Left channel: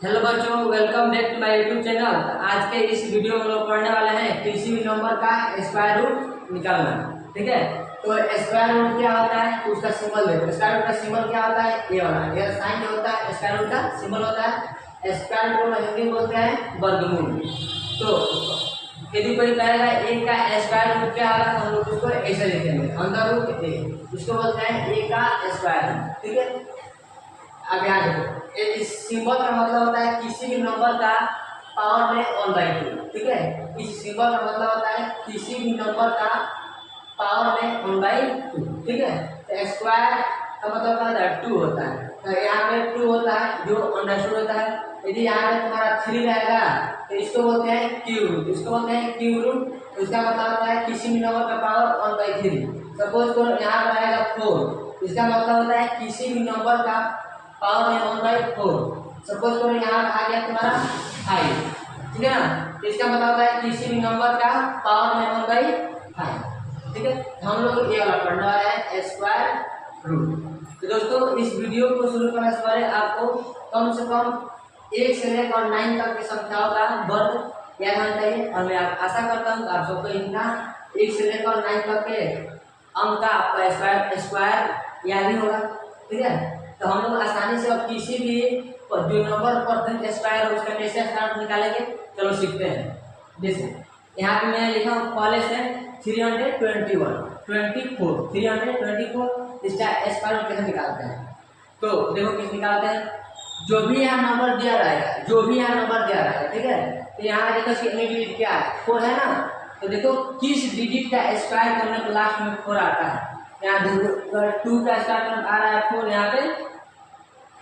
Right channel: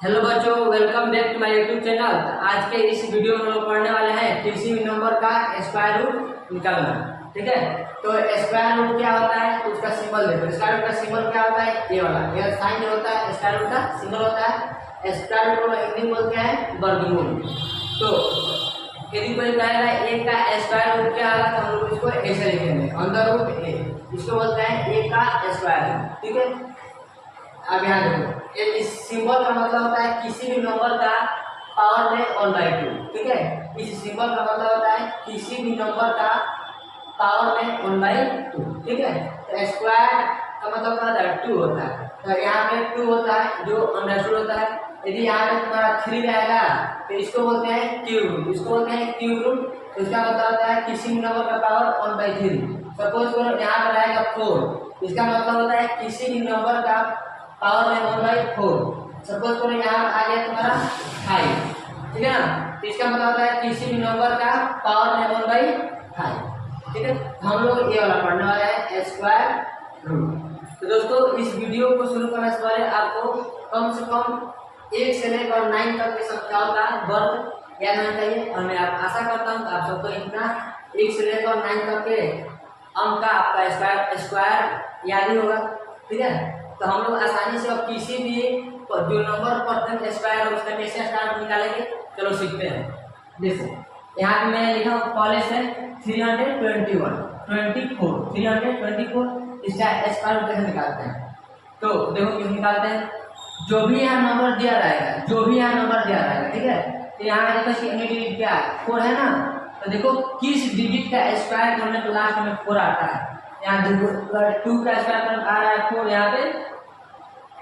Hello बच्चों, welcome back to my YouTube channel. आज के इस वीडियो में लोग पढ़ने वाले हैं किसी भी नंबर का स्क्वायर रूट निकालना। ठीक है, तो स्क्वायर रूट क्या होता है तो उसका सिंबल देखो। स्क्वायर रूट का सिंबल क्या होता है, ये वाला, ये साइन जो होता है स्क्वायर रूट का सिंबल होता है। स्क्वायर रूट को हिंदी में बोलते हैं वर्गमूल। तो यदि कोई कहेगा एक का स्क्वायर रूट क्या होगा तो हम लोग इसको ऐसे लिखेंगे, अंडर रूट ए, इसको बोलते हैं ए का स्क्वायर रूट। ठीक है, अब यहाँ देखो, इस सिंबल का मतलब होता है किसी भी नंबर का पावर में 1/2। ठीक है, इस सिंबल का मतलब होता है किसी भी नंबर का पावर में 1/2। ठीक है, तो स्क्वायर का मतलब क्या होता है, 2 होता है। तो यहाँ पे 2 होता है जो अंडरस्टूड होता है। यदि यहाँ पे तुम्हारा 3 रहेगा तो इसको बोलते हैं क्यूब रूट, इसको बोलते हैं क्यूब रूट। इसका मतलब होता है किसी भी नंबर का पावर 1/3। सपोज करो यहाँ पर आएगा 4, इसका मतलब होता है किसी भी नंबर का पावर में 1/4। सपोज करो यहाँ आ गया तुम्हारा 5, ठीक है ना, तो इसका मतलब होता है किसी भी नंबर का पावर में 1/5। ठीक है, हम लोग ये वाला पढ़ने वाला है स्क्वायर रूट। तो दोस्तों, इस वीडियो को शुरू करने से पहले आपको कम से कम 1 से लेकर 9 तक की संख्याओं का वर्ग याद होना चाहिए। और मैं आशा करता हूँ आप सबको इतना 1 से लेकर 9 तक के अंक का आपका स्क्वायर याद ही होगा। ठीक है, तो हम लोग आसानी से अब किसी भी जो नंबर परसेंट स्क्वायर है उसका कैसे स्टार्ट निकालेंगे, चलो सीखते हैं। जैसे यहाँ पे मैं लिखा हूँ कॉलेज है 324, इसका स्क्वायर कैसे निकालते हैं। तो देखो किस निकालते हैं, जो भी यहाँ नंबर दिया रहेगा, ठीक है, तो यहाँ देखो इसकी डिजिट क्या है, 4 है ना, तो देखो किस डिजिट का स्क्वायर करने पर लास्ट में 4 आता है। यहाँ 2 का स्क्वायर आ रहा है 4, यहाँ पे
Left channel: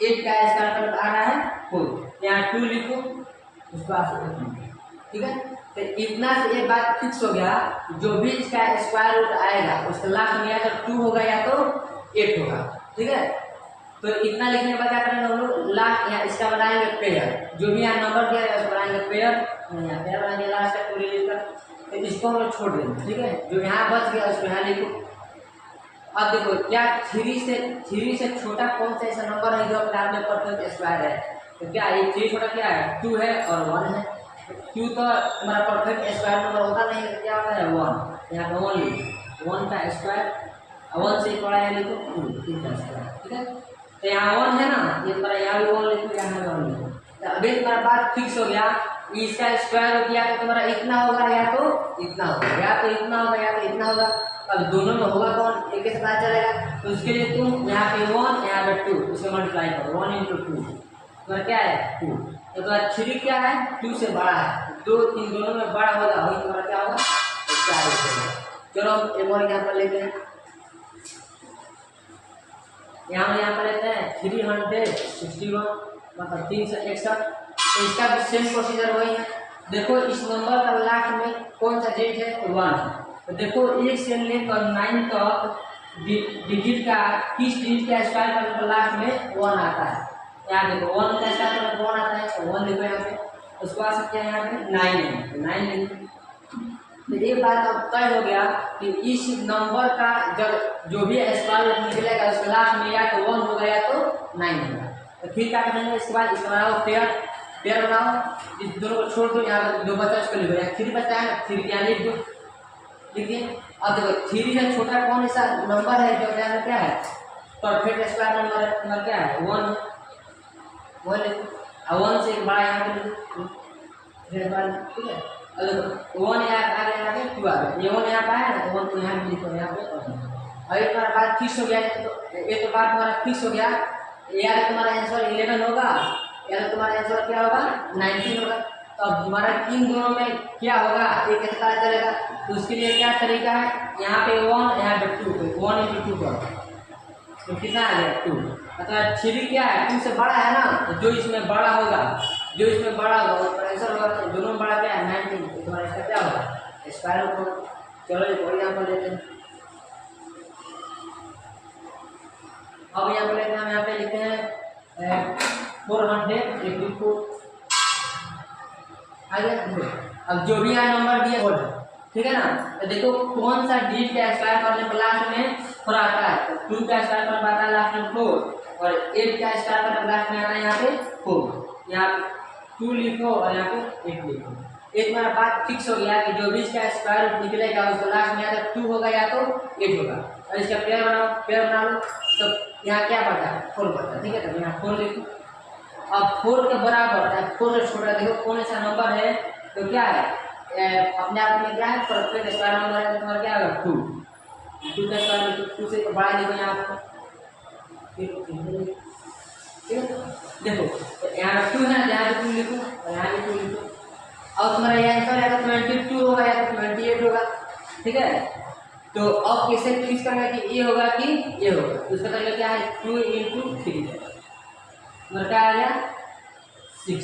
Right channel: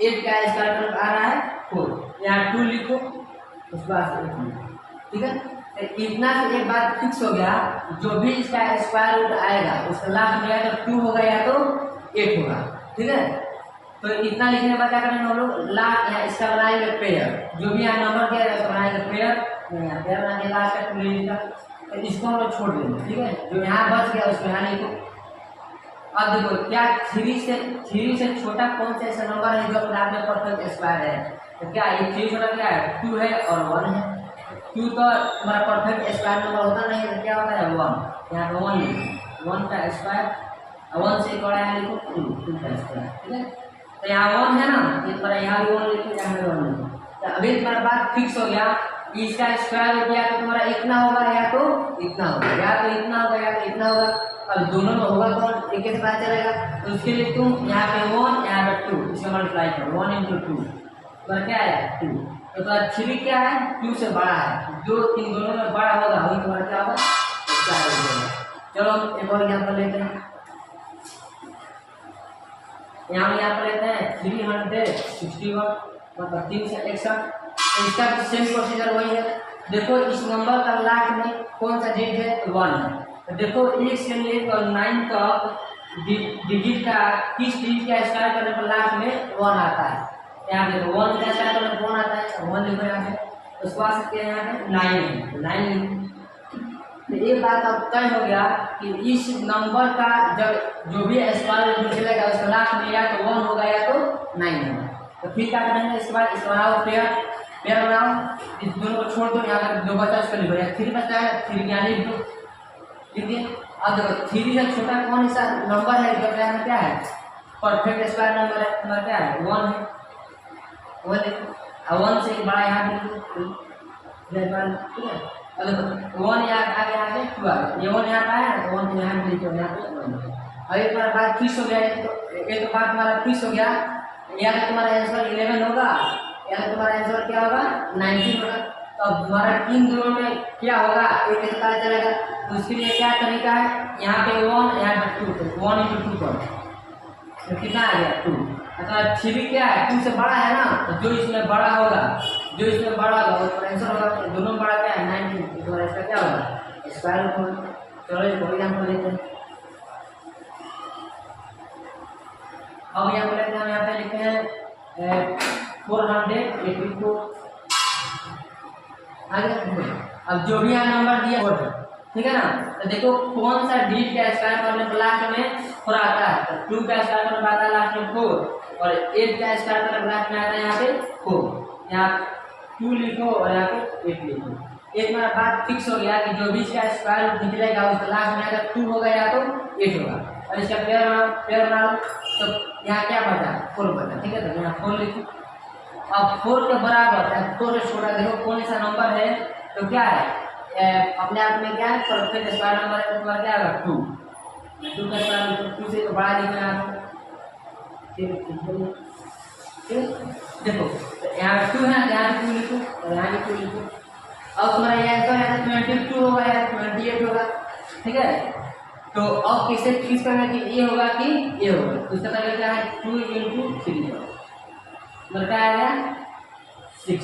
8 का स्क्वायर आ रहा है 4, यहाँ 2 लिखो, उस बाद ठीक है। तो इतना से एक बात फिक्स हो गया, जो भी इसका स्क्वायर रूट आएगा उसका लास्ट में या तो 2 होगा या तो 8 होगा। ठीक है, तो इतना लिखने के बाद क्या करेंगे हम लोग, लास्ट यहाँ इसका बनाएंगे पेयर, जो भी यहाँ नंबर दिया है उसका बनाएंगे पेयर, यहाँ पेयर बनाएंगे लास्ट का 2 डिजिट का। तो इसको हम लोग छोड़ देंगे। ठीक है, जो यहाँ बच गया उसको यहाँ लिखो। अब देखो क्या 3 से छोटा कौन सा ऐसा नंबर है जो अपने आप में परफेक्ट स्क्वायर है, तो क्या ये 3 छोटा क्या है, 2 है और 1 है। 2 तो हमारा परफेक्ट स्क्वायर नंबर होता नहीं है, तो क्या होता है 1, यहाँ पे 1 लिखो, 1 का स्क्वायर, 1 से बड़ा है लिखो 2 का स्क्वायर। ठीक है, तो यहाँ 1 है ना, इस पर यहाँ भी 1 लिखो, यहाँ भी 1 लिखो। तो अभी तुम्हारा बात फिक्स हो गया, इसका स्क्वायर हो गया तो तुम्हारा इतना होगा या तो इतना होगा, या तो इतना होगा या तो इतना होगा। अब दोनों में होगा कौन, एक से पता चलेगा। तो उसके लिए तुम यहाँ पे 1 यहाँ पे 2, इसको मल्टीप्लाई करो, 1 × 2, तो क्या है 2। तो तुम्हारा 3 क्या है, 2 से बड़ा है, 2 3 दोनों में बड़ा होगा, वही तुम्हारा क्या होगा, स्क्वायर रूट होगा। चलो एक और एग्जाम्पल लेते हैं, यहाँ पर लेते हैं 361, मतलब 361। तो इसका भी सेम प्रोसीजर वही है। देखो इस नंबर का लास्ट में कौन सा डिजिट है, तो 1 है। तो देखो 1 से लेकर 9 तक डिजिट का किस डिजिट का स्क्वायर करने पर लास्ट में 1 आता है। यहाँ देखो 1 का स्क्वायर करने पर 1 आता है, तो 1 लिखो यहाँ पे। उसको आ सकते हैं यहाँ पे 9 है, तो 9 लिखो। तो एक बात अब तय हो गया कि इस नंबर का जब जो भी स्क्वायर निकलेगा उसका लास्ट में या तो 1 होगा या तो 9 होगा। तो फिर क्या करेंगे, इसके बाद इसको बनाओ पेयर बनाओ, इस दोनों को छोड़ दो, यहाँ पर जो बचा उसको लिखो, यहाँ 3 बचा है 3 यहाँ लिख दो। ठीक है, अब देखो 3 से छोटा कौन सा नंबर है जो क्या है, परफेक्ट स्क्वायर नंबर क्या है, 1 है, 1 लिखो। 1 से बड़ा यहाँ पे लिखो, ठीक है। अब देखो 1 यहाँ आगे 2 आगे, ये 1 यहाँ पे आया ना, 1 तो यहाँ पे लिखो, यहाँ पे 1। अब एक बार बात फिक्स हो गया, तो एक बात तुम्हारा फिक्स हो गया, या तो तुम्हारा आंसर 11 होगा या तो तुम्हारा आंसर क्या होगा 19 होगा। तो अब तुम्हारा इन दोनों में क्या होगा, एक पता चलेगा। तो उसके लिए क्या तरीका है, यहाँ पे 1 यहाँ पे 2, तो 1 × 2 करो, तो कितना आ गया 2। मतलब 3 क्या है, 2 से बड़ा है ना, तो जो इसमें बड़ा होगा वो आंसर होगा। तो दोनों में बड़ा क्या है 19, तो तुम्हारा इसका क्या होगा, स्क्वायर रूट होगा। चलो एक और एग्जाम्पल लेते हैं। अब यहाँ पर लेते हैं, हम यहाँ पे लिखते हैं 484 आगे। अब जो भी यहाँ नंबर दिया हो, ठीक है ना, तो देखो कौन सा डिजिट का स्क्वायर करने पर लास्ट में 4 आता है। तो 2 का स्क्वायर करने पर आता है लास्ट में 4, और 8 का स्क्वायर करने पर लास्ट में आता है यहाँ पे 4। यहाँ 2 लिखो और यहाँ पे 8 लिखो। एक हमारा बात फिक्स हो गया कि जो बीच का स्क्वायर रूट निकलेगा उसका लास्ट में या तो 2 होगा या तो 8 होगा। और इसका पेयर बना लो तो यहाँ क्या बचा, 4 बचा। ठीक है, तो यहाँ 4 लिखो। अब 4 के बराबर 4 से छोटा देखो कौन सा नंबर है, तो क्या है अपने आप में क्या है परफेक्ट स्क्वायर नंबर है, तो तुम्हारा क्या होगा 2 का स्क्वायर रूट 2 से तो बड़ा लिखो यहाँ पर। ठीक देखो तो यहाँ 2 है, यहाँ पे 2 लिखो और यहाँ भी 2 लिखो। अब तुम्हारा ये आंसर है 22 होगा या 28 होगा। ठीक है, तो अब कैसे फिक्स करना कि ये होगा कि ये होगा, तो इसका मतलब क्या है 2 × 3 मतलब क्या आएगा 6।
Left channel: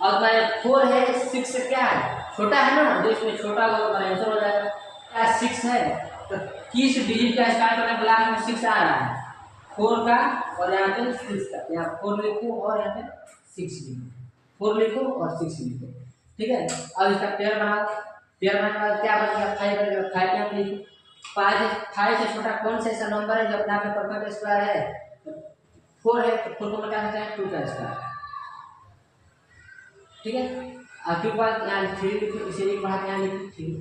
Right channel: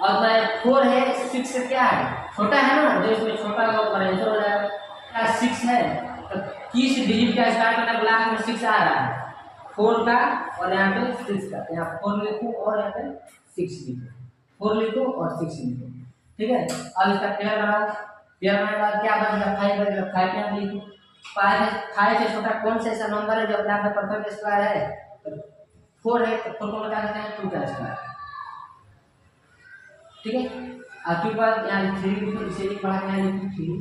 और तुम्हारे 4 है 6 से क्या है छोटा है ना, जो इसमें छोटा होगा तुम्हारा आंसर हो जाएगा। क्या 6 है तो किस डिजिट का स्टार्ट करने ब्लॉक में 6 आ रहा है 4 का और यहाँ पे 6 का। यहाँ 4 लिखो और यहाँ पे 6 लिखो, 4 लिखो और 6 लिखो। ठीक है, अब इसका पेयर बनाओ। पेयर बनाने के बाद क्या बचेगा 5 बचेगा। 5 यहाँ पे लिखो। 5 से छोटा कौन सा ऐसा नंबर है जो अपने आप में परफेक्ट स्क्वायर है, तो 4 है तो 4 को बता सकते हैं 2 का स्क्वायर। ठीक है, आपके पास यहाँ 3 लिखो, इसे एक बढ़ा के यहाँ लिखो 3।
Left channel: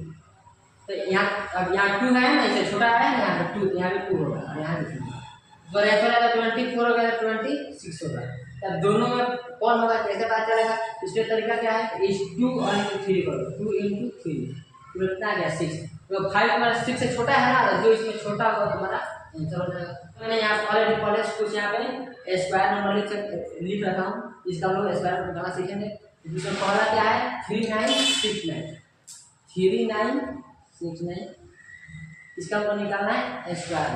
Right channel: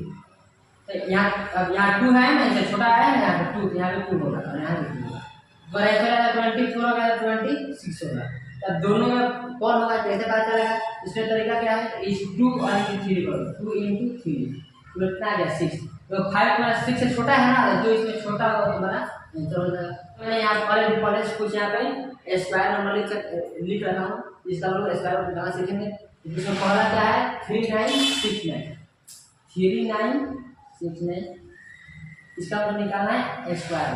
तो यहाँ अब यहाँ 2 है ना, इससे छोटा है ना यहाँ पे 2, तो यहाँ पे 2 होगा और यहाँ पे 2 होगा। बराबर 24 होगा 26 होगा। तब दोनों में कौन होगा कैसे पता चलेगा, इसका तरीका क्या है इस 2 और 3 करो, 2 × 3 तो कितना आ गया 6। तो 5 तुम्हारा 6 से छोटा है ना, जो इसमें छोटा होगा तुम्हारा आंसर हो जाएगा। मैंने यहाँ ऑलरेडी पहले कुछ यहाँ पे स्क्वायर नंबर लिख रखा हूँ, इसका हम लोग स्क्वायर निकालना सीखेंगे। इसमें पहला क्या है 3969 इसका मतलब निकालना है स्क्वायर।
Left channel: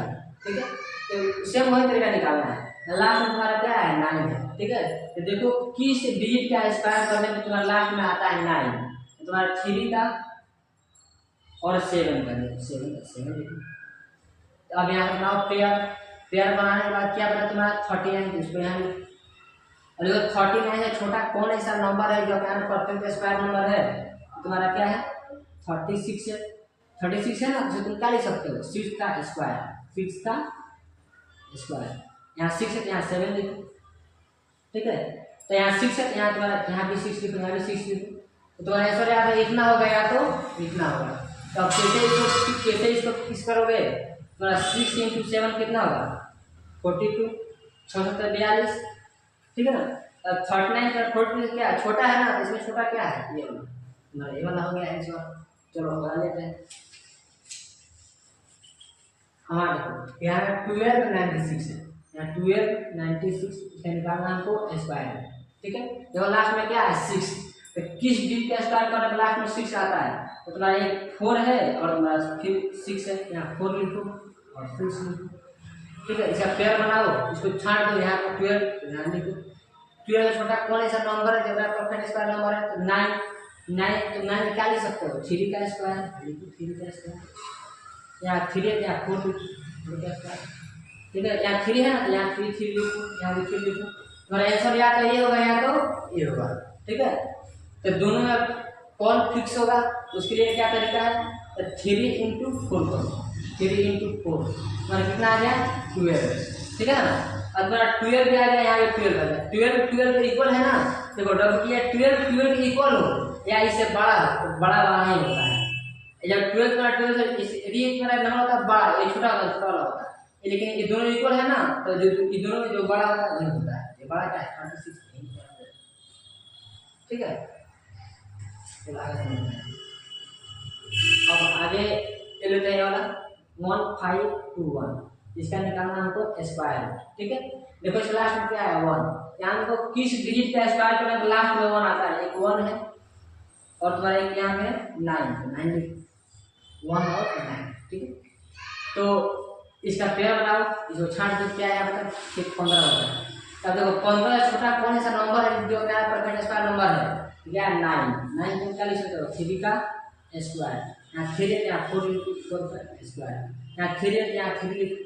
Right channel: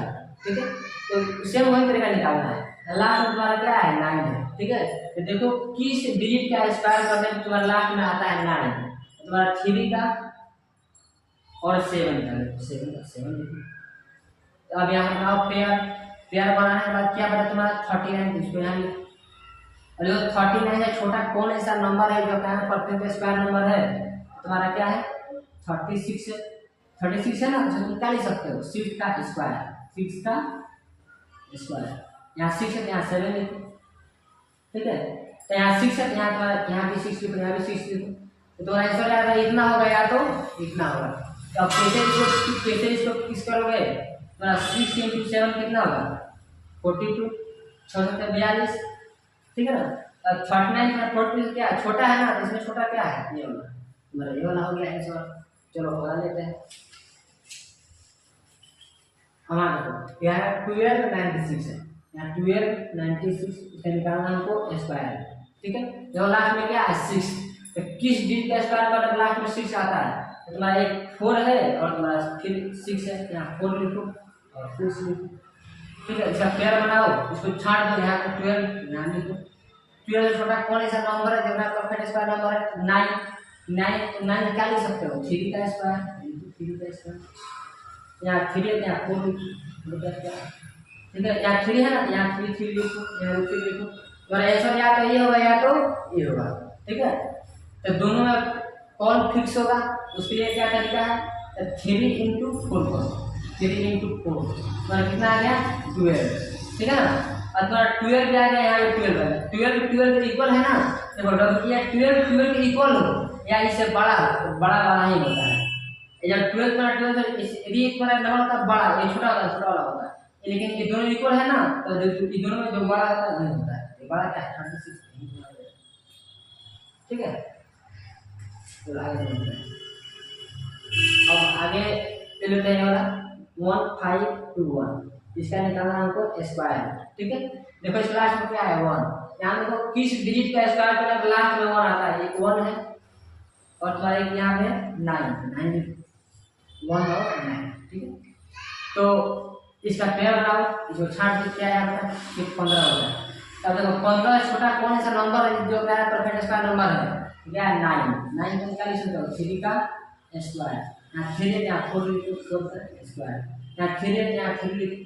ठीक है, तो सेम वही तरीका निकालना है। लास्ट में तुम्हारा क्या है 9 है। ठीक है, तो देखो किस डिजिट का स्क्वायर करने में तुम्हारा लास्ट में आता है 9, तुम्हारा 3 का और 7 का। 7 लिखो। अब यहाँ बनाओ पेयर बनाने के बाद क्या बना तुम्हारा 39, इसको यहाँ लिखो। और जो 39 है छोटा कौन ऐसा नंबर है जो क्या परफेक्ट स्क्वायर नंबर है, तुम्हारा क्या है 36 है। 36 है ना, तो तुम क्या लिख सकते हो 6 का स्क्वायर। यहाँ 6 है, यहाँ 7 लिखो। ठीक है, तो यहाँ 6 है, यहाँ तुम्हारा यहाँ भी 6 लिखो, यहाँ भी 6 लिखो। तो तुम्हारा आंसर या तो इतना होगा या तो इतना होगा। तो अब कैसे इसको किस करोगे, तुम्हारा 6 × 7 कितना होगा 42, 6 7 42। ठीक है ना, अब 39 और 42 क्या छोटा है ना, इसमें छोटा क्या है ये वाला, तुम्हारा ये वाला हो गया आंसर। चलो लगा लेते हैं। हमारा देखो यहाँ 1296 है, यहाँ 1296 इसे निकालना हमको स्क्वायर। ठीक है, देखो लास्ट में क्या है 6, तो किस डिजिट का स्क्वायर करने लास्ट में 6 आता है, तो तुम्हारा एक 4 है और तुम्हारा फिर 6 है, यहाँ 4 लिखो और 6 लिखो। ठीक है, इसका पेयर बनाओ, इसको छाट दो, यहाँ पर 12 यहाँ लिखो। 12 से छोटा कौन ऐसा नंबर है जो परफेक्ट स्क्वायर नंबर है, तो 9 तो 9 क्या लिख सकते हो 3 का स्क्वायर लिखो, 3 का स्क्वायर। यहाँ 3 है, यहाँ 4 लिखो। ठीक है, यहाँ 3 है ना, यहाँ 3 लिखो, यहाँ 3 लिखो। तुम्हारा आंसर या तो ये होगा या तो ये होगा। ठीक है, तो दोनों में कौन फिक्स होगा उसके लिए क्या तरीका है, 3 × 4 करो। 3 × 4 तुम्हारा कितना आ गया 12। ठीक है ना, और तुम्हारा 12 भी आ गया, यहाँ 12 आ गया। 12 के इक्वल है ना, देखो डब किया 12 के इक्वल हो या इससे बड़ा हो, तो बड़ा ही होता है। जब 12 यदि एक बार लगा होता है बड़ा, ये छोटा वाला होता है, लेकिन ये दोनों इक्वल है ना, तो जो ये दोनों में जो बड़ा होता है वही होता है। ये बड़ा क्या है 36। ठीक है, तो आगे समझते हैं। अब आगे ले लेते हैं वाला 1521, इसका निकालना हमको स्क्वायर। ठीक है, देखो इस लास्ट में क्या है 1, यहाँ देखो किस डिजिट का स्क्वायर करें तो लास्ट में 1 आता है, एक 1 है और तुम्हारा एक यहाँ पे 9 1 और 9। ठीक है, तो इसका पेयर बनाओ, इसको छाट दो, क्या है मतलब 15 होता है। तब देखो 15 से छोटा कौन सा नंबर है जो क्या है परफेक्ट स्क्वायर नंबर है, क्या है 9 को क्या लिख सकते हो 3 का स्क्वायर। यहाँ 3 है, यहाँ 4 लिखो 4 का स्क्वायर, यहाँ 3 है, यहाँ 3 लिखो।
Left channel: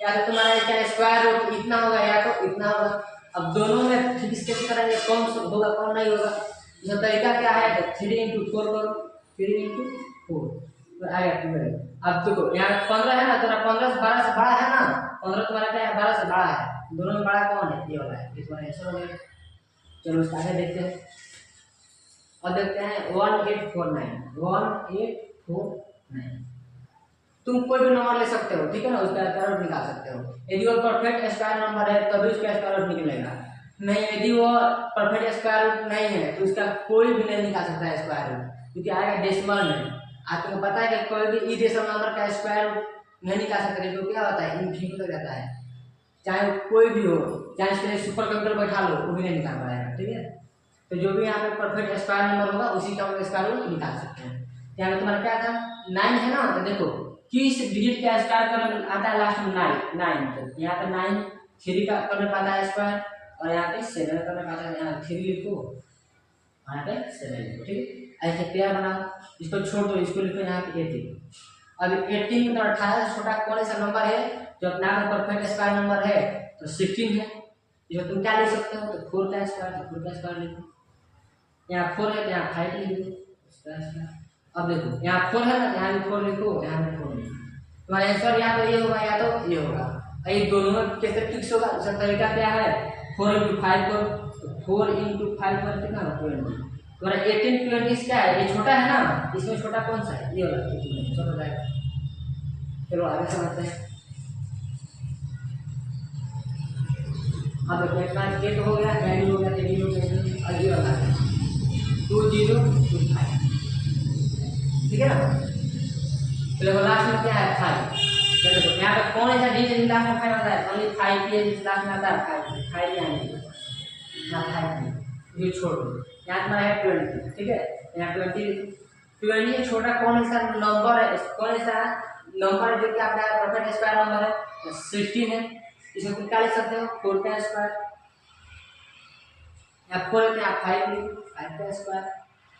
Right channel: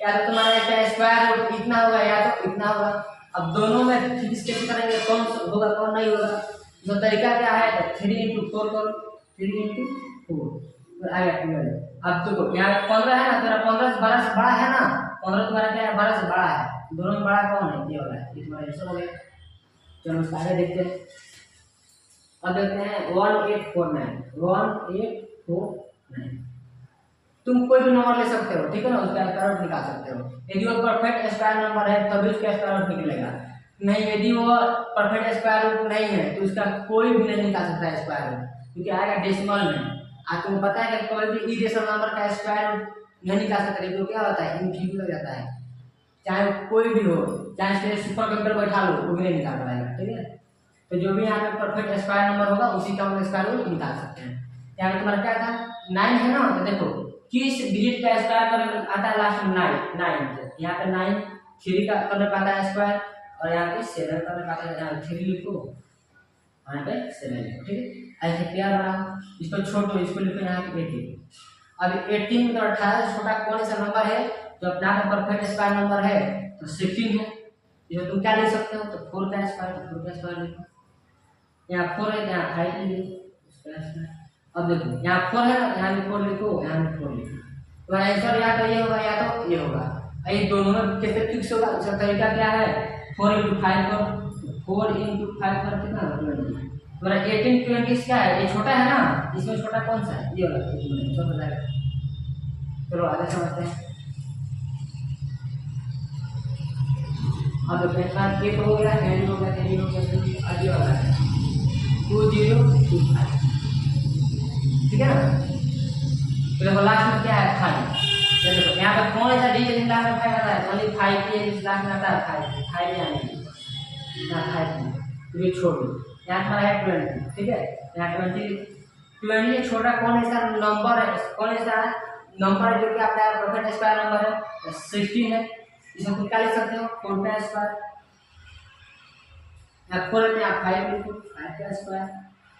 या तो तुम्हारा इसका स्क्वायर इतना होगा या तो इतना होगा। अब दोनों में फिक्स कैसे करेंगे, कौन होगा कौन नहीं होगा, इसका तरीका क्या है, 3 × 4 करो, 3 × 4 आएगा 12। अब देखो यहाँ 15 है ना, तो 15 से 12 है ना, 15 तुम्हारा क्या है 12 से बड़ा है, दोनों में बड़ा कौन है ये वाला है, ये तुम्हारा आंसर हो गया। चलो उसका आगे देखते हैं। और देखते हैं 1849 तुम कोई भी नंबर ले सकते हो, ठीक है ना, उसका स्क्वायर रूट निकाल सकते हो। यदि वो परफेक्ट स्क्वायर नंबर है तभी उसका स्क्वायर रूट निकलेगा, नहीं यदि वो परफेक्ट स्क्वायर रूट नहीं है तो उसका कोई भी नहीं निकाल सकता है स्क्वायर रूट, क्योंकि आएगा डेसिमल में। आज तुमको पता है कि कोई भी इरेशनल नंबर का स्क्वायर रूट नहीं निकाल सकते, तो क्या होता है इनफिनिटी हो जाता है, चाहे कोई भी हो, चाहे इसके लिए सुपर कंप्यूटर बैठा लो वो भी नहीं निकाल पाएगा, ठीक है। तो जो भी यहाँ पे परफेक्ट स्क्वायर नंबर होगा उसी का हम स्क्वायर रूट निकाल सकते हैं। यहाँ पे तुम्हारा क्या था 9 है ना, तो देखो किस डिजिट का स्क्वायर करने आता है लास्ट में 9, तो यहाँ पे 9 3 का करने पाता है स्क्वायर, और यहाँ पे 7 करने पाता है, 3 लिखो और यहाँ पे 7 लिखो, ठीक है। ऐसे पेयर बनाओ, इसको छोड़ दो, इसको लिखो यहाँ पे 18। अब 18 में तो 18 से छोटा कौन सा नंबर है जो अपना परफेक्ट स्क्वायर नंबर है, तो 16 है। जो तुम क्या लिख सकते हो, तो 4 का स्क्वायर, तो 4 का स्क्वायर लिखो, यहाँ 4 है तो यहाँ 5 लिख दो स्क्वायर। अब देखो यहाँ 4 है ना, यहाँ भी 4 लिखो, यहाँ भी 4 लिखो, तुम्हारा आंसर या तो ये होगा या तो ये होगा। ये दोनों में कैसे फिक्स होगा, उसका तरीका क्या है, 4 × 5 करो, तो 4 × 5 पर कितना होगा 20। तुम्हारा 18 20 क्या है, ये छोटा है ना, इसमें छोटा कौन सा है, ये वाला, छोटा जाएगा। चलो आगे समझते हैं। अब देखो इतना ये तो हो गया, कैरी हो गया, कैरी हो गया, आगे वाला है 2025, ठीक है ना। तो देखो लास्ट में क्या है 5, तो देखो यहाँ पे कौन सा डिजिट लास्ट में 5 आता है, ओनली 5 के लास्ट में आता है 5 यानी यहाँ 5 ये छोड़ दो, यहाँ तुम्हारा है 20, ठीक है, यहाँ 20 से छोटा कौन सा नंबर है, कौन सा नंबर जो कि आपका परफेक्ट स्क्वायर नंबर है, 16 है। इसमें तुम क्या लिख सकते हो 4 का स्क्वायर, यहाँ 4 है यहाँ 5 लिखो, 5 का स्क्वायर,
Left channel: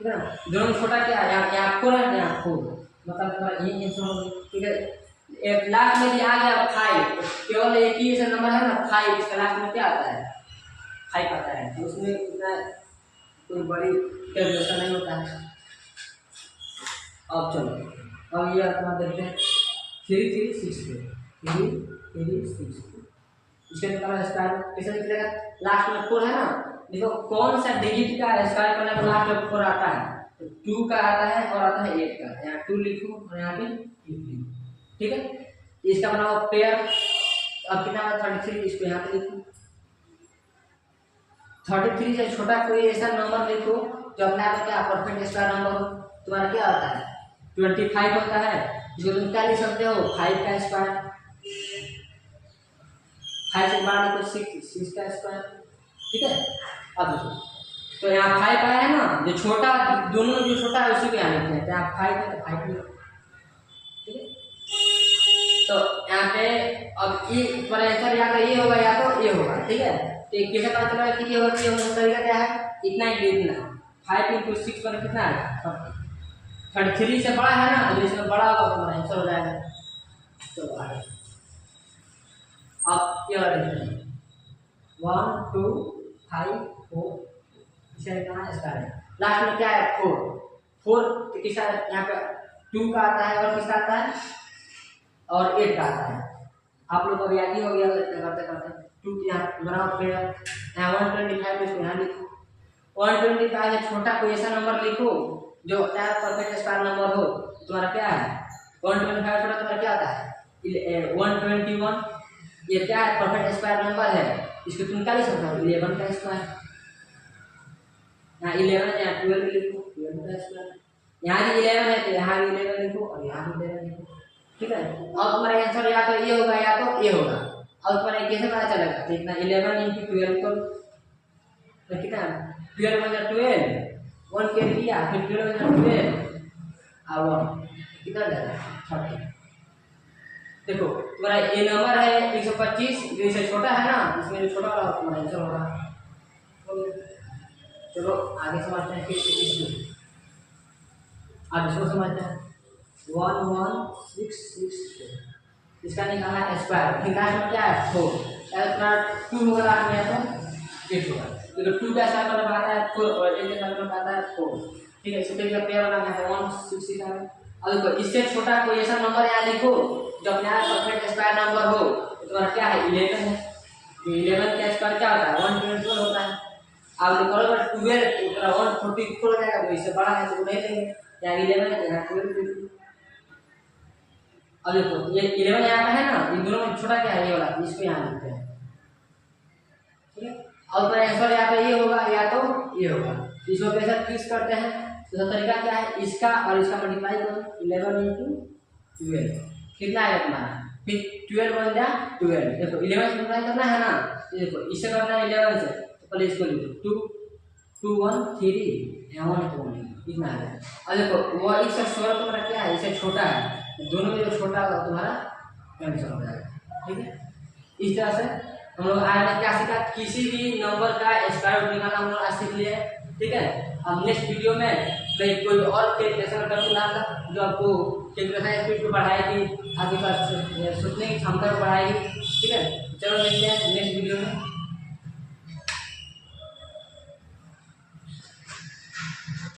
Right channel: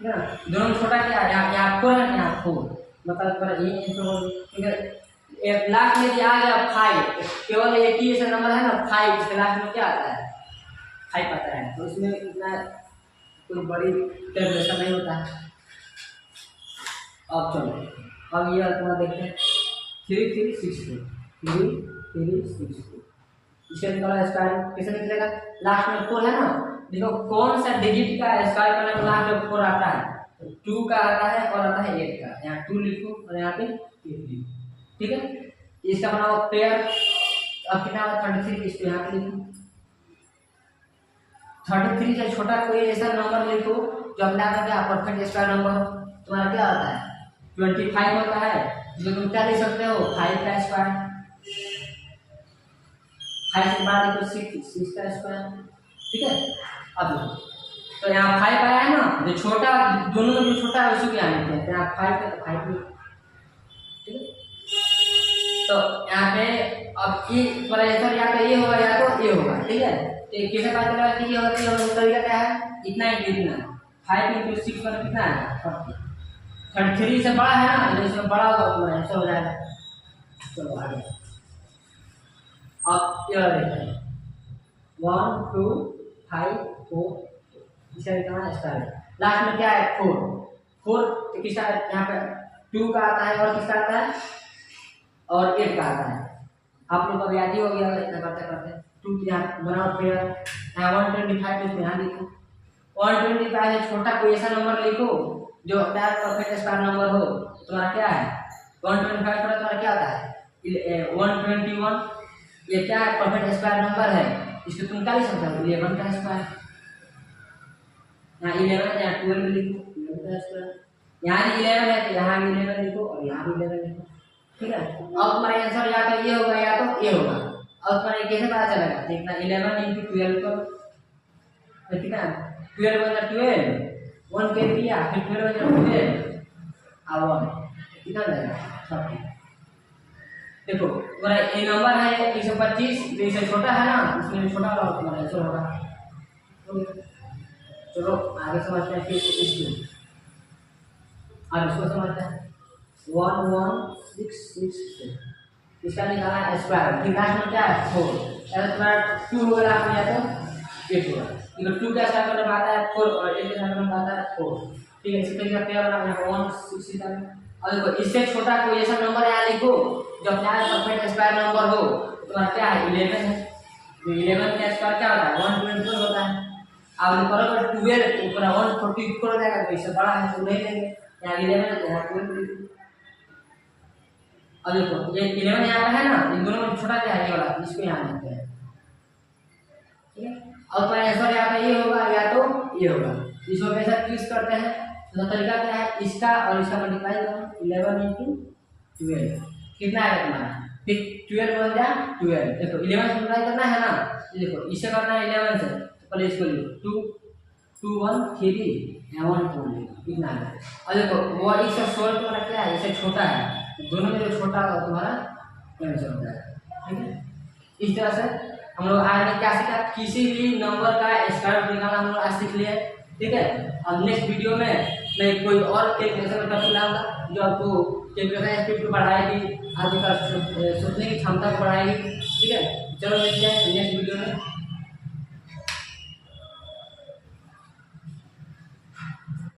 ठीक है ना। दोनों में छोटा क्या है, यहाँ 4 है यहाँ 4, मतलब तुम्हारा ये आंसर होगा, ठीक है। एक लास्ट में आ गया 5, केवल एक ही ऐसा नंबर है ना 5, इसके लास्ट में क्या आता है 5 आता है, तो उसमें इतना कोई बड़ी कैलकुलेशन नहीं होता है। अब चलो अब ये तुम्हारा देखते हैं 3362, इसके निकाला स्क्वायर कैसे निकलेगा, लास्ट में 4 है ना, देखो कौन सा डिजिट का स्क्वायर करने में लास्ट में 4 आता है, तो 2 का आता है और आता है 8 का, यहाँ 2 लिखो और यहाँ पे 8 लिखो, ठीक है। इसका बनाओ पेयर, अब कितना होगा 33, इसको यहाँ पे लिखो। 33 से छोटा कोई ऐसा नंबर लिखो जो अपना क्या परफेक्ट स्क्वायर नंबर हो, तुम्हारा क्या होता है 25 होता है, जो तुम क्या लिख सकते हो 5 का स्क्वायर, 5 से बाद लिखो 6 का स्क्वायर, ठीक है। अब तो यहाँ 5 आया है ना, जो छोटा दोनों में जो छोटा है उसी को यहाँ लिखते हैं, तो यहाँ 5 है तो 5 लिखो, ठीक है। तो यहाँ पे अब ये वाला आंसर या तो ये होगा या तो ये होगा, ठीक है। तो कैसे पता चलेगा कि ये होगा कि ये होगा, तरीका क्या है, इतना ही इतना 5 × 6 पर कितना है 33 से बड़ा है ना, जो इसमें बड़ा होगा तुम्हारा आंसर हो जाएगा। चलो आगे अब ये वाला देखते हैं 1 2 5 4, इसे निकालना स्क्वायर, लास्ट में क्या है 4 तो किसका यहाँ पे 2 का आता है और किसका आता है और 8 का आता है, आप लोग को याद ही हो गया इतना करते करते। 2 यहाँ बनाओ फिर यहाँ 125, इसको यहाँ लिखो, 125 से छोटा कोई ऐसा नंबर लिखो जो अपना परफेक्ट स्क्वायर नंबर हो, तुम्हारा क्या है 125 छोटा तुम्हारा क्या आता है 121, ये क्या है परफेक्ट स्क्वायर नंबर है, इसको तुम क्या लिख सकते हो 11 का स्क्वायर, यहाँ 11 यहाँ 12 लिखो 12 का स्क्वायर, यहाँ भी 11 है तो यहाँ भी 11 लिखो और यहाँ भी 11 लिखो, ठीक है। अब तुम्हारा आंसर या तो ये होगा या तो ये होगा। अब तुम्हारा कैसे पता चलेगा, तो इतना 11 × 12 करो, तो कितना 12 × 12 1 के किया, फिर 12 × 12 और 1 कितना जाएगा 30। देखो तुम्हारा ये नंबर है 125, जो इससे छोटा है ना, इसमें जो छोटा वाला तुम्हारा आंसर होगा। चलो आगे समझते हैं फिर इसको, अब इसको समझते हैं 11662, इसका निकालना है स्क्वायर, फिर लास्ट में क्या है 4, अगर तुम्हारा 2 होगा लास्ट में या तो 8 होगा, तो 2 का स्क्वायर करने आता है 4 और 8 का स्क्वायर करने आता है 4, ठीक है। इसको क्या बनाना है 167। अब देखो इससे छोटा कोई ऐसा नंबर यहाँ लिखो जो अपना परफेक्ट स्क्वायर नंबर हो, तो तुम्हारा क्या है 11 है, जो 11 का स्क्वायर क्या होता है 112 होता है। अब निकालोगे 12 ऊपर 144 हो जाएगा, तो इससे बड़ा है तो नहीं लेंगे, यहाँ 11 है यहाँ 12 दे दीजिए। अब देखो ये 11 यहाँ पे है ना, इन दोनों में छोटा क्या है ये वाला, इसको यहाँ लिखते हैं, ठीक है। और तो आंसर यहाँ पे ये होगा या तो ये होगा, इसको कैसे फिक्स करते हैं, तो तरीका क्या है, इसका और इसका मल्टीप्लाई करो 11 × 12 कितना आएगा तुम्हारा, फिर 12 बन जाए 12, देखो 11 से मल्टीप्लाई करना है ना, ये देखो इससे करना है 11 से, तो पहले इसको लिखो 2 2 1 3 यहाँ 1 2 इतना है। और देखो वो इससे 16 तुम्हारा क्या है, इससे छोटा है, दोनों में जो छोटा होगा तुम्हारा कैंसिल हो जाएगा, ठीक है। इस तरह से हम लोग आज क्या सीखा, किसी भी नंबर का स्क्वायर रूट निकालना हम लोग आज सीख लिए, ठीक है। अब नेक्स्ट वीडियो में मैं कोई और कैलकुलेशन का टॉपिक लाऊंगा जो आपको कैलकुलेशन स्पीड को बढ़ाएगी, आपके पास सोचने की क्षमता को बढ़ाएगी, ठीक है। चलो मिलते हैं नेक्स्ट वीडियो में।